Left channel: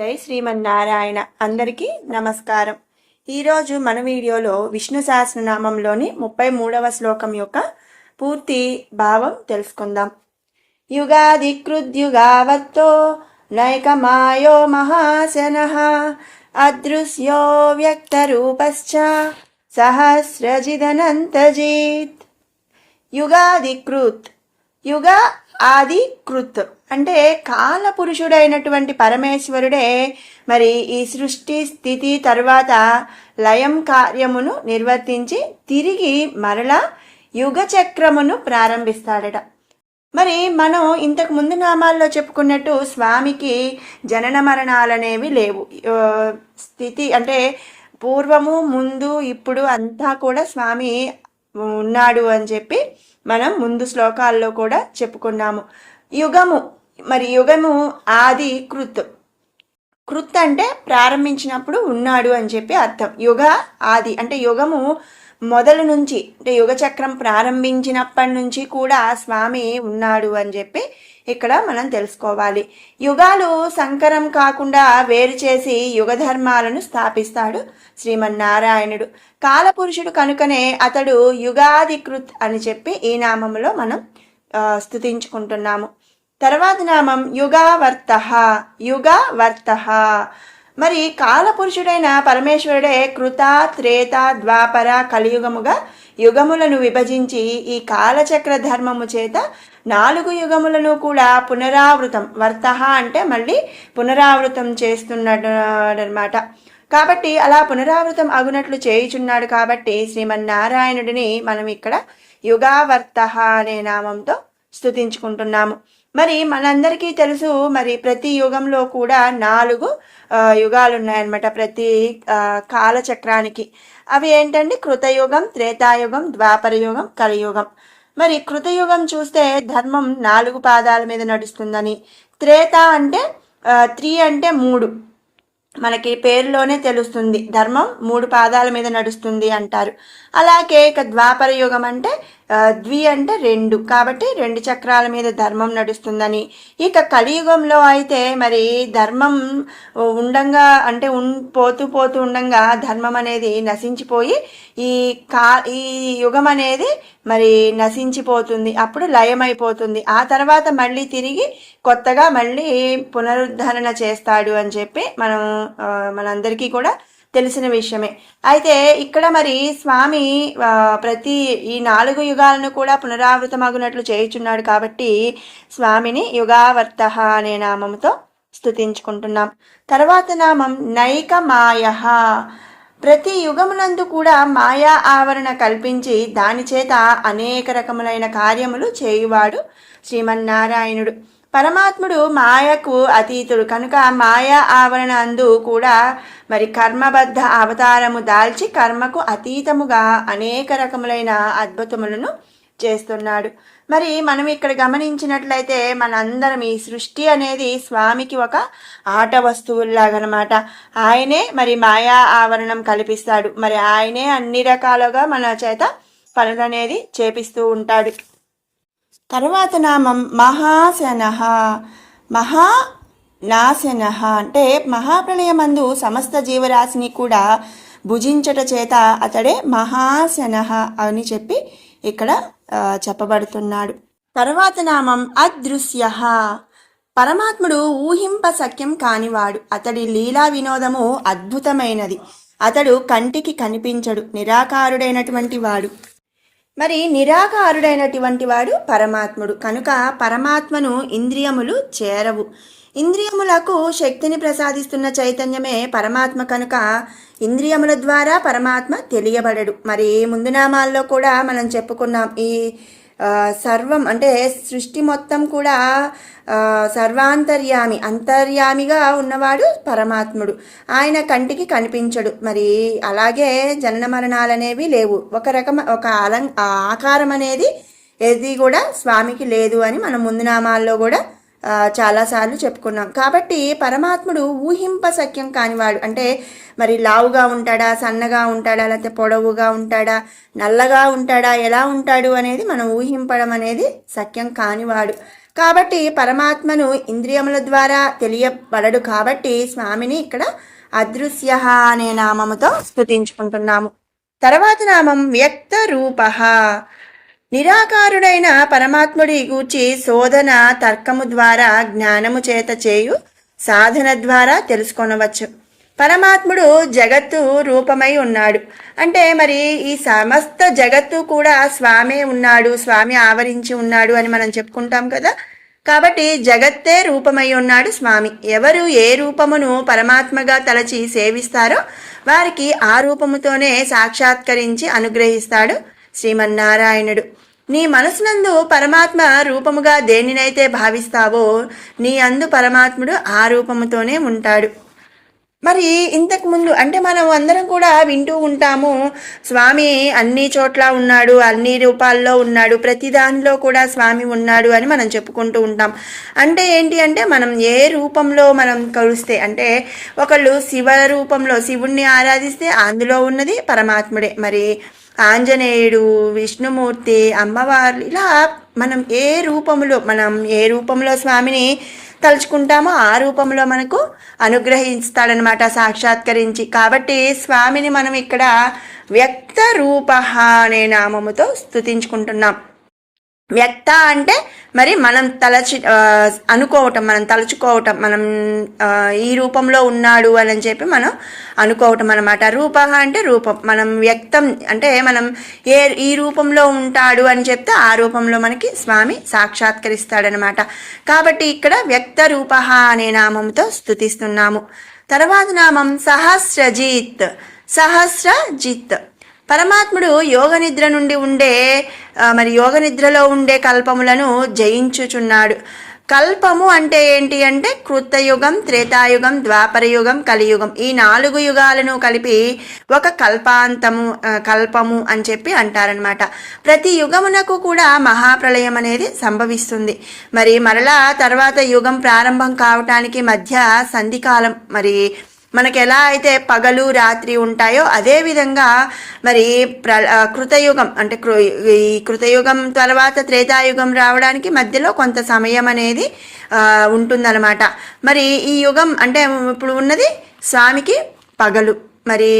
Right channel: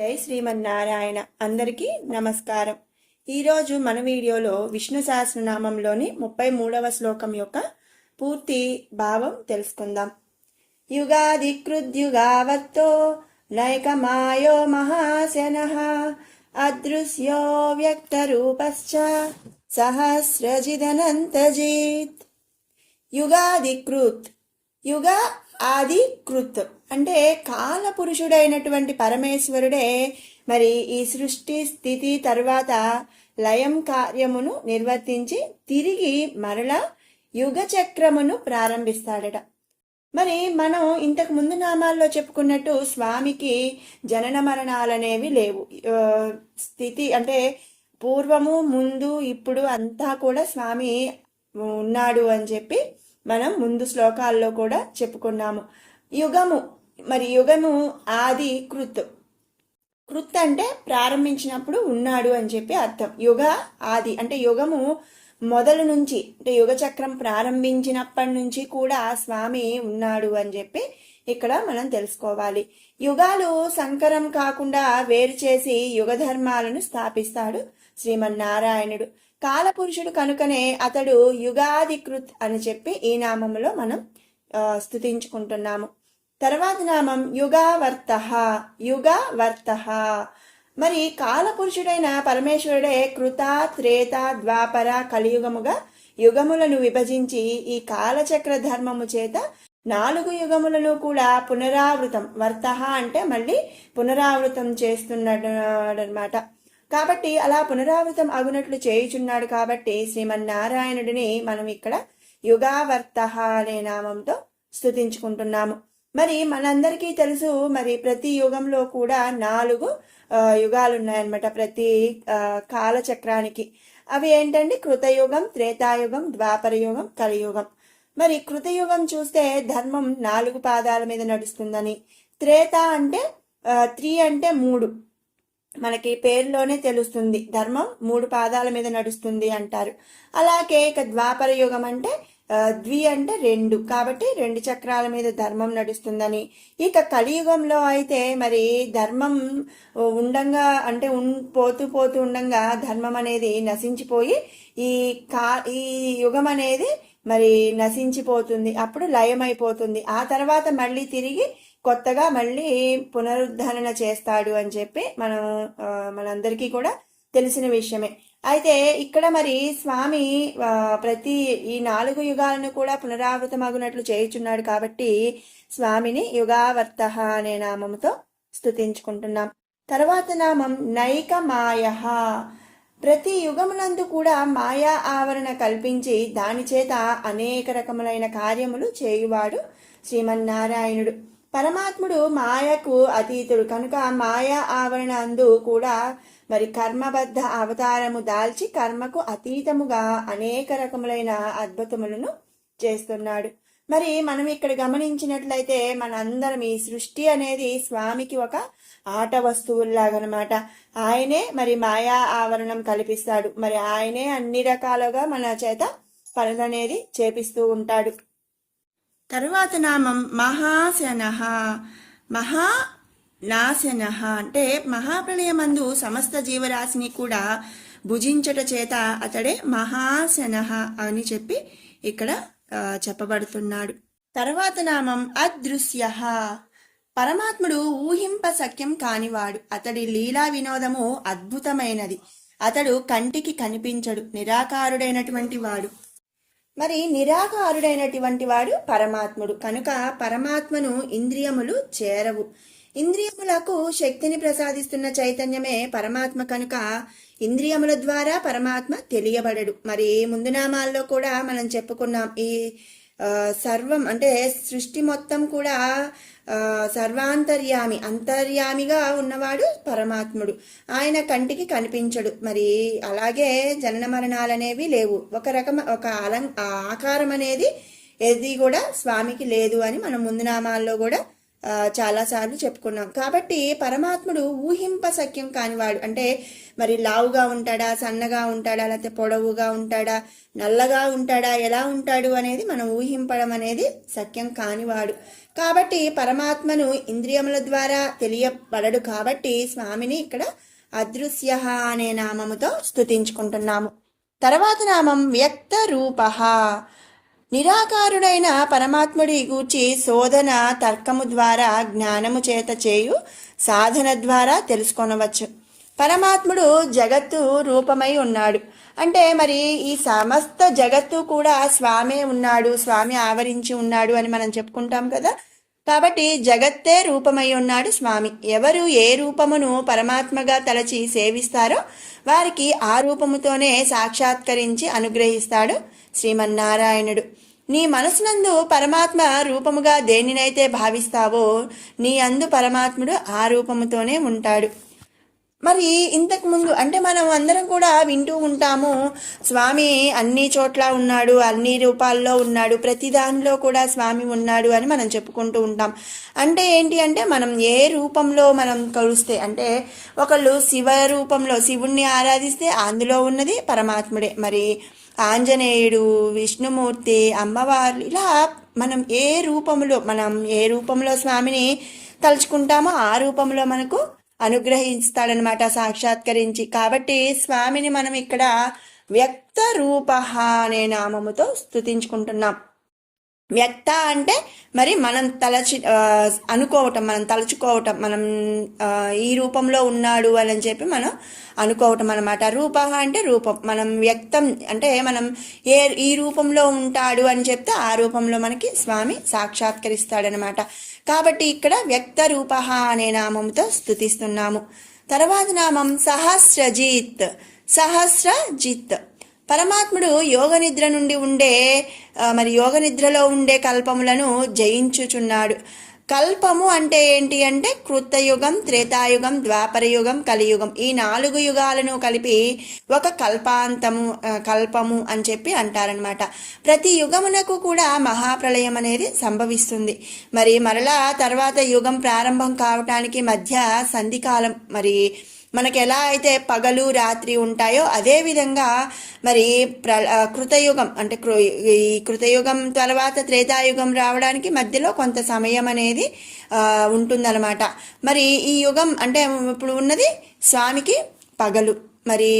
జై శ్రీమన్నారాయణ. అందరికీ నమస్కారం. ఈరోజు మన వీడియోలో విష్ణు సహస్రనామంలోని 33వ శ్లోకం యొక్క పూర్తి భావం తెలుసుకుందాం. యుగాదికృద్యుగావర్తో నైకమాయో మహాశనః అదృశ్యో వ్యక్తరూపశ్చ సహస్రజిదనంతజిత్. యుగాదికృత్, యుగ ఆది కృత్ అంటే కాల పురుషుడైనటువంటి పరమేశ్వరుడే మరి ఈ సృష్టి స్థితి తరువాత లయం కార్యమును నిర్వర్తించి తిరిగి మరలా యుగ చక్రమును ప్రారంభిస్తాడట. మరి మనం ఇంతకు ముందు నామాల్లో చెప్పుకున్నట్టు స్వామికి జనన మరణాలనేవి లేవు. స్థితి అంటే పూర్వము ముందు ఇప్పుడు అంతా కూడా స్వామి ఉన్నాడు అని చెప్పి మనం ముందు శ్లోకాల్లో కూడా చెప్పుకున్నాము. యుగము, మరి యుగము ఆది కృత్. కృత్ అంటే ప్రారంభించినప్పుడు ఉన్నాడు అని చెప్పి అర్థం. యుగ ఆది అంటే యుగము మొదలు నుంచి, అంటే యుగ చక్రం ప్రారంభించినప్పటి నుంచి కూడా స్వామి ఉన్నాడు అని చెప్పి ఇక్కడ మనం తెలుసుకోవాలి. యుగాలు సంకరం కాకుండా వేరు చేసి యుగ ధర్మాలను స్థాపిస్తాడు శ్రీమన్నారాయణుడు. కాలపురుషుడు కనుకనే అతడు యుగాధికృత్ అని చెప్పి ఈ నామంలో మనం స్తుతించుకుంటున్నాము. తర్వాత నామం యుగావర్త. యుగావర్త మరి కాలపురుషుడైన పరమేశ్వరుడే కృత, త్రేత, ద్వాపర, కలియుగముగా యుగములను విభజించి ఈ కాలచక్ర ధర్మము చేత 4 యుగములను కూడా పునరావృతం, వర్త అంటే మళ్ళీ పునరావృతం చేస్తున్నాడు అనమాట. కాబట్టి అలా పునరావృతం అగునట్లు చేయుచున్నాడు. కాబట్టి శ్రీమన్నారాయణుడిని మనం ఇక్కడ యుగావర్త అనే నామంతో స్తుతించుకుంటున్నాము. మరి మనందరికీ తెలుసు, మరి ప్రతి యుగంలో కూడా 4 యుగాలు ఉన్నాయన్నమాట ప్రతి కాలచక్రానికి. అవి ఏంటంటే కృతయుగం, త్రేతాయుగం, ద్వాపర యుగం, కలియుగం. మరి కృతయుగం చూస్తే ధర్మం 4 పాదాల మీద నడుస్తుందని, త్రేత అంటే 3 అంటే 3, మనకి పేరులోనే తెలుస్తుంది ధర్మం 3 పాదాల మీద నడుస్తుంది అంటారు. అలాగే ఇక ద్వాపర యుగం అంటే ద్వి అంటే 2, కాబట్టి 2 చక్రాల మీద ధర్మం నడుస్తుందని. ఇక కలియుగంలో అయితే మరి ధర్మం ఉండంగా అంటే పోతూ పోతూ ఉండంగా ధర్మం అనేది నశించిపోయి ఈ యుగం అనేది మరి నశించిపోతుంది, అప్పుడు లయమైపోతుంది. ఆ తర్వాత మళ్ళీ తిరిగి కొత్తగా మళ్ళీ పునరుద్ధరణ చేస్తాడు అని చెప్పి మనందరికీ కూడా తెలిసిన విషయమే. అయితే ఇక్కడ మరి స్వామి ప్రతి ఈ 4 యుగాలను కూడా పునరావృతమగునట్లు చేయుచున్నాడు. కాబట్టి స్వామిని యుగావర్త అనే నామంతో స్తుతించుకుంటున్నాం. తర్వాత నామం నైకమాయ. ప్రతి యుగమునందు కూడా మాయా ఆవరణ కల్పించి దాని చేత అనేక రకములైన కార్యములు చేయువాడు శ్రీమన్నారాయణుడు. పరమాత్ముడు మాయకు అతీతుడు కనుక మాయా ఆవరణ అందు కూడా మరి కర్మబద్ధ అవతారము దాల్చి కర్మకు అతీతముగా అనేక రకములైన అద్భుతములను చేస్తున్నాడు. మరి మనం ఇక్కడ గమనించినట్లయితే మనందరం ఈ సృష్టి అనేది స్వామికి ఒక ఆట వస్తువుల్లాగనమాట. ఆయనే మరి మాయా ఆవరణం కల్పిస్తాడు. మరి ఆయనే అన్ని రకాలుగా మన చేత పనులు అనేది చేపిస్తూ ఉంటాడు. తర్వాత నామం మహాశన. మహానాశన అంటే మహాప్రళయమందు సమస్త జీవరాశిని కూడా భుజించట చేత అతడే మహాశన అని చెప్పి ఇక్కడ చెప్పబడుతున్నాడు. తర్వాత నామం అదృశ్య. పరమాత్ముడు ఊహింప సఖ్యం కానివాడు. అతడి లీలా వినోదము అద్భుతమైనది. అతడు కంటికి కనిపించడు, నిరాకారుడైనటువంటి వాడు. మరి నిరాకారుడైనటువంటి వాడు పరమాత్ముడు కనుక పరమాత్మను ఇంద్రియములు చేరవు. ఇంద్రియములకు శక్తిని ప్రసాదిస్తున్న చైతన్యమే పరమాత్మ కనుక ఇంద్రియముల ద్వారా పరమాత్మ తెలియబడడు. మరి ముందు నామాల్లో కూడా మనం చెప్పుకున్నాం, ఈ సర్వం అంటే సృష్టి మొత్తం కూడా సర్వాంతర్యామి, అంతర్యామిగా ఉన్నవాడు పరమాత్ముడు. ఆయన కంటికి కనిపించడు. మరి అలాగే జనన మరణాలనేవి లేవు. ఒక ఆకారం అనేది ఏది కూడా స్వామికి లేదు అని మనం ముందు నామాల్లో కూడా చాలాసార్లు చెప్పుకున్నాం. కాబట్టి పరమాత్ముడు ఊహింప సఖ్యం కానివాడు. అంటే మరి లావుగా ఉంటాడా, సన్నగా ఉంటాడా, లేకపోతే పొడవుగా ఉంటాడా, నల్లగా ఉంటాడా, ఎలా ఉంటాడు అనేది మనం ఊహింపడం అనేది సఖ్యం కానివాడు. కాబట్టి పరమాత్మను ఇంద్రియముల ద్వారా తెలియబడడు కాబట్టి స్వామిని ఇక్కడ అదృశ్య అనే నామముతో స్తుతించుకుంటున్నాము. తర్వాత నామం వ్యక్త రూప. నిరాకారుడైన పరమాత్ముడి గూర్చి శోధన తర్కము ద్వారా జ్ఞానము చేత చేయు సాధన ద్వారా తెలుసుకొనవచ్చు. పరమాత్ముడు జగత్తు రూపమై ఉన్నాడు అంటే మరి ఈ సమస్త జగత్తు కూడా స్వామే ఉన్నాడు, స్వామి ఆవరించి ఉన్నాడు అని మనం చెప్పుకుంటాం కదా. కాబట్టి జగత్తే రూపమై ఉన్నాడు స్వామి. ఎవరు ఏ రూపమును పరమాత్మగా తలచి సేవిస్తారో వారికి ఆ రూపముతోనే సాక్షాత్కరించి అనుగ్రహిస్తాడు శ్రీమన్నారాయణుడు. నీ మనసునందు పరమాత్మ రూపముగా దేనినైతే భావిస్తావో నీ అందు పరమాత్ముడు ఆ రూపముతోనే ఉంటాడు. మరి ఇంతకు ముందు అంటే మనం అందరం కూడా వింటూ ఉంటాము, స్వామి అన్ని చోట్ల ఉన్నాడు, అన్ని రూపాల్లో ఉన్నాడు, ప్రతి దానిలో కూడా స్వామి ఉన్నాడు అని మనం చెప్పుకుంటూ ఉంటాం. అంటే ఏంటి అంటే మనం ఏ రూపంలో మనం కలుస్తే అంటే ఒకళ్ళు శివ రూపంలో శివుణ్ణి ఆరాధిస్తే అందులో ఉన్నది పరమాత్ముడే. మరి ఆంజనేయుడు, విష్ణుమూర్తి, అమ్మవారు ఇలా మనం ఏ రూపంలో స్వామిని తలుచుకుంటామో ఆ రూపంలో మనకు అనుగ్రహిస్తాడనమాట సాక్షాత్కరించి. కాబట్టి స్వామిని మనం ఇక్కడ వ్యక్త రూప అనే నామముతో స్తుతించుకుంటున్నాం. వ్యక్త అంటే మరి మనం అనుకోవటం, మనం తలుచుకోవటం, మనం ఈ రూపంలో ఉన్నాడు అని చెప్పి మనం అనుకోవటం అనమాట. రూప అంటే రూపం, మనం వ్యక్తం అంటే మనం ఈ రూపంలో ఉంటాడు అని చెప్తే ఆ రూపంలో మనకి స్వామి సాక్షాత్కరిస్తాడనమాట. కాబట్టి ఇక్కడ వ్యక్త రూప అనే నామంతో స్తుతిస్తున్నాము. తర్వాత నామం సహస్రజిత్. సహస్రజిత్ పరమాత్ముడు యోగ నిద్రలో ఉండే కల్పములను జయించుచున్నాడు. కల్పము అంటే ఏంటి అంటే కృతయుగం, త్రేతాయుగం, ద్వాపరయుగం, కలియుగం ఈ 4 యుగాలను కలిపి ఒక కల్పము అని చెప్పి అంటారనమాట. ప్రతి యుగమునకు కూడా మహాప్రళయం అనేది సంభవిస్తుంది. మరి మరలా తర్వాత యుగం ప్రారంభం కావటానికి మధ్య సంధికాలం. మరి మనకి ఎలా అయితే పగలు రాత్రి ఉంటాయో అదే విధంగా మరి కృతయుగం అంటే ఈ కృతయుగం తర్వాత త్రేతాయుగం రావడానికి మధ్యలో కొంత సమయం అనేది ఉంటుందన్నమాట. మరి ఈ యుగం అంటే ఇప్పుడు ఉన్నది స్వామికి పగలు. మరి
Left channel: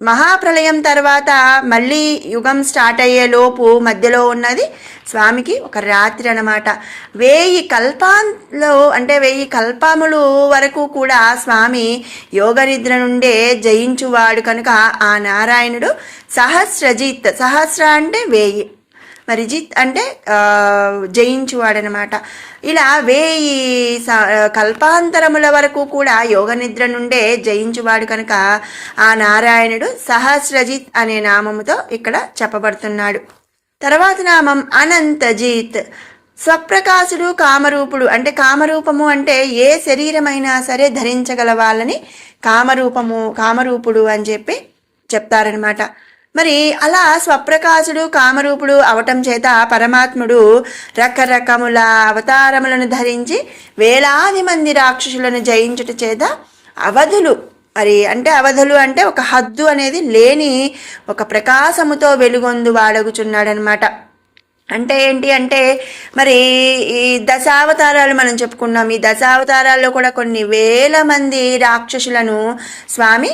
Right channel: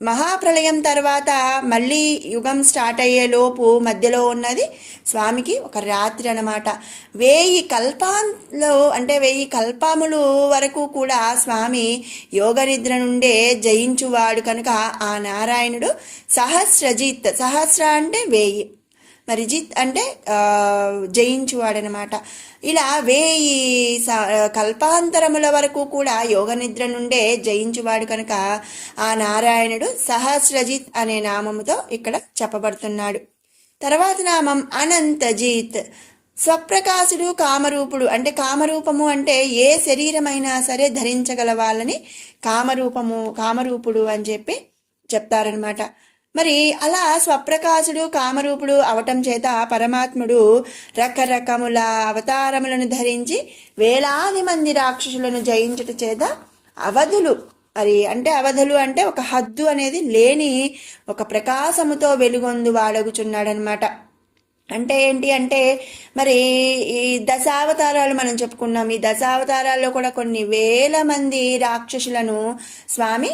మహాప్రళయం తర్వాత మళ్ళీ యుగం స్టార్ట్ అయ్యే లోపు మధ్యలో ఉన్నది స్వామికి ఒక రాత్రి అనమాట. 1000 కల్పాల్లో అంటే 1000 కల్పములు వరకు కూడా స్వామి యోగ నిద్ర నుండే జయించువాడు కనుక ఆ నారాయణుడు సహస్రజిత్. సహస్ర అంటే 1000, మరి జిత్ అంటే జయించువాడనమాట. ఇలా 1000 కల్పాంతరముల వరకు కూడా యోగ నిద్ర నుండే జయించువాడు కనుక ఆ నారాయణుడు సహస్రజిత్ అనే నామముతో ఇక్కడ చెప్పబడుతున్నాడు. తర్వాత నామం అనంతజిత్. స్వప్రకాశుడు, కామరూపుడు. అంటే కామరూపము అంటే ఏ శరీరమైనా సరే ధరించగల వాళ్ళని కామరూపుడు అని చెప్పి చెప్తారనమాట. మరి అలా స్వప్రకాశుడు, కామరూపుడు అవటం చేత పరమాత్ముడు రకరకముల అవతారములను ధరించి వేలాది మంది రాక్షసులను జయించుట చేత అవధులు అవధులు అంటే ఒక హద్దు అనేది లేని ఒక ప్రకాశముతో వెలుగొందు వాడగుచున్నాడనమాట. అంటే ఏంటి అంటే మరి ఈ దశావతారాలు మనం చెప్పుకున్నాం. ఈ దశావతారాల్లో కూడా కొన్ని వేల మంది రాక్షసులను స్వామి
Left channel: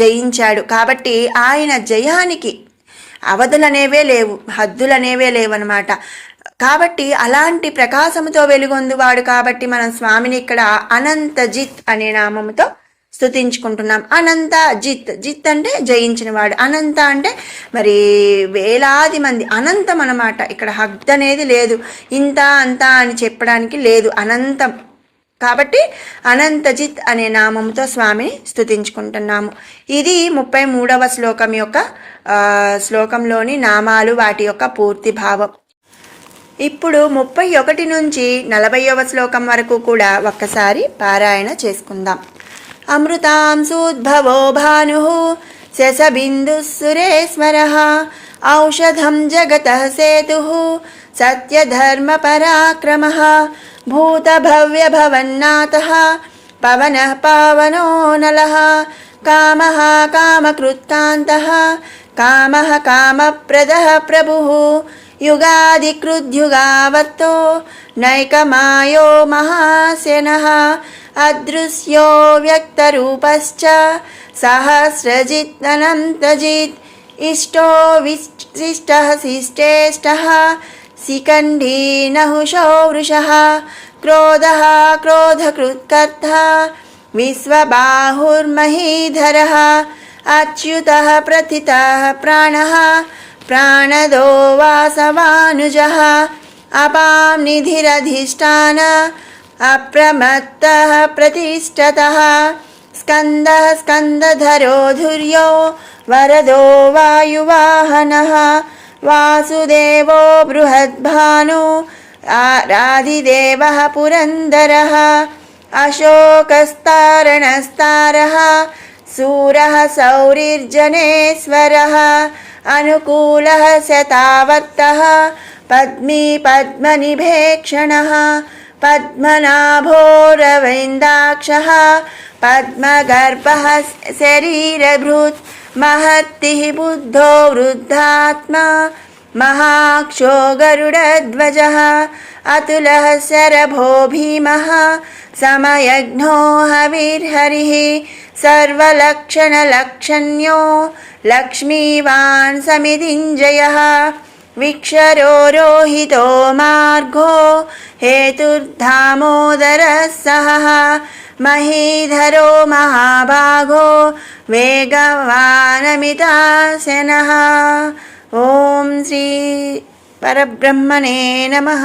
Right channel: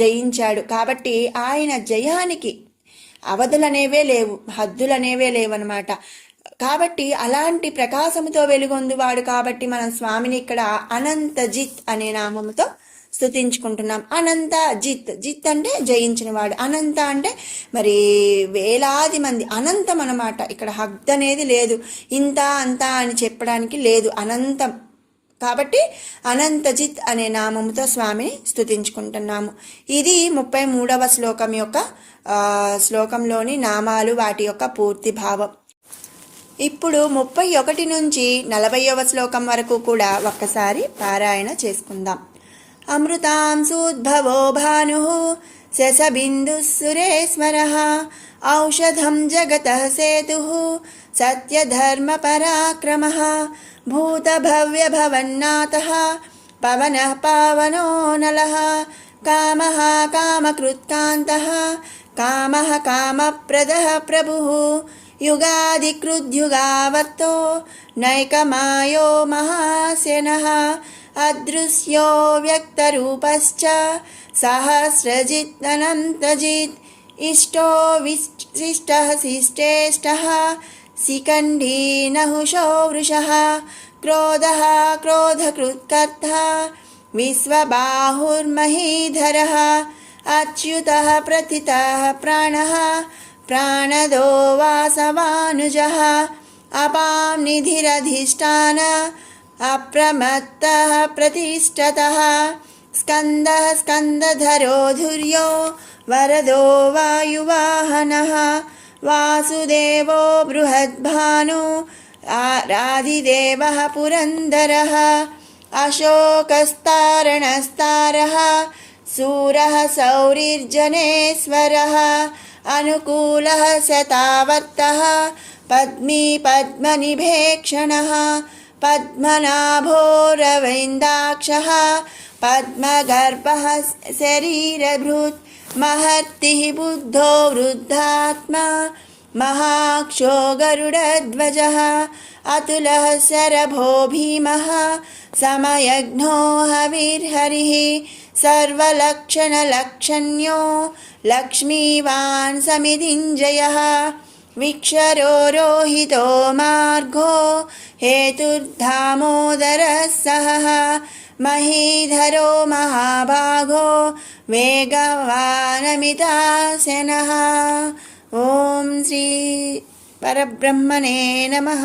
జయించాడు. కాబట్టి ఆయన జయానికి అవధులనేవే లేవు, హద్దులనేవే లేవన్నమాట. కాబట్టి అలాంటి ప్రకాశముతో వెలుగొందువాడు కాబట్టి మనం స్వామిని ఇక్కడ అనంతజిత్ అనే నామముతో స్తుతించుకుంటున్నాం. అనంత జిత్ అంటే జయించినవాడు, అనంత అంటే మరి వేలాది మంది, అనంతం అన్నమాట. ఇక్కడ హద్దు అనేది లేదు, ఇంత అంత అని చెప్పడానికి లేదు, అనంతం. కాబట్టి అనంతజిత్ అనే నామంతో స్వామిని స్తుతించుకుంటున్నాము. ఇది 33వ శ్లోకంలోని నామాలు, వాటి యొక్క పూర్తి భావం. ఇప్పుడు 31 నుంచి 40వ శ్లోకం వరకు కూడా ఒక్కసారి పారాయణ చేసుకుందాం. అమృతాంశోద్భవో భానుః శశబిందుః సురేశ్వరః ఔషధం జగతః సేతుః సత్యధర్మపరాక్రమः భూతభవ్యభవన్నాథः పవనః పావనో నలః కామః కామకృత్తాन्तः కామః కామప్రదః ప్రభుః युगादिकृद्युगावतो नैकमायो महासेनः अदृश्यो व्यक्तरूपश्च सहस्रजिदनन्तजित् इष्टो विशिष्टः शिष्टेष्टः शिखण्डी नहुषो वृषः क्रोधः क्रोधकृत्कर्ता विश्वबाहुर्महीधरः अच्युतः प्रथितः प्राणः प्राणदो वासवानुजः अपां निधिरधिष्ठान अप्रमत्तः प्रतिष्ठतः स्कन्दः स्कन्दधरो धुर्यो वरदो वायुवाहनः वासुदेवो बृहद्भानु राधिदेवः पुरन्दरः अशोकस्तारणस्तारः सूरः सौरिर्जनेश्वरः अनुकूलः शतावर्तः पद्मी पद्मनिभेक्षणः पद्मनाभोरविन्दाक्षः पद्मगर्भः शरीरभृत् महर्तिः बुद्धो वृद्धात्मा महाक्षो गरुडध्वजः अतुलः शरभो भीमः समयज्ञो हविर्हरिः सर्वलक्षणलक्षण्यो लक्ष्मीवान् समितिञ्जयः विक्षरो रोहितो मार्गो हेतुर्धामोदरः सहः महीधरो महाभागो वेगवानमिताशनः। ॐ श्री परब्रह्मणे नमः।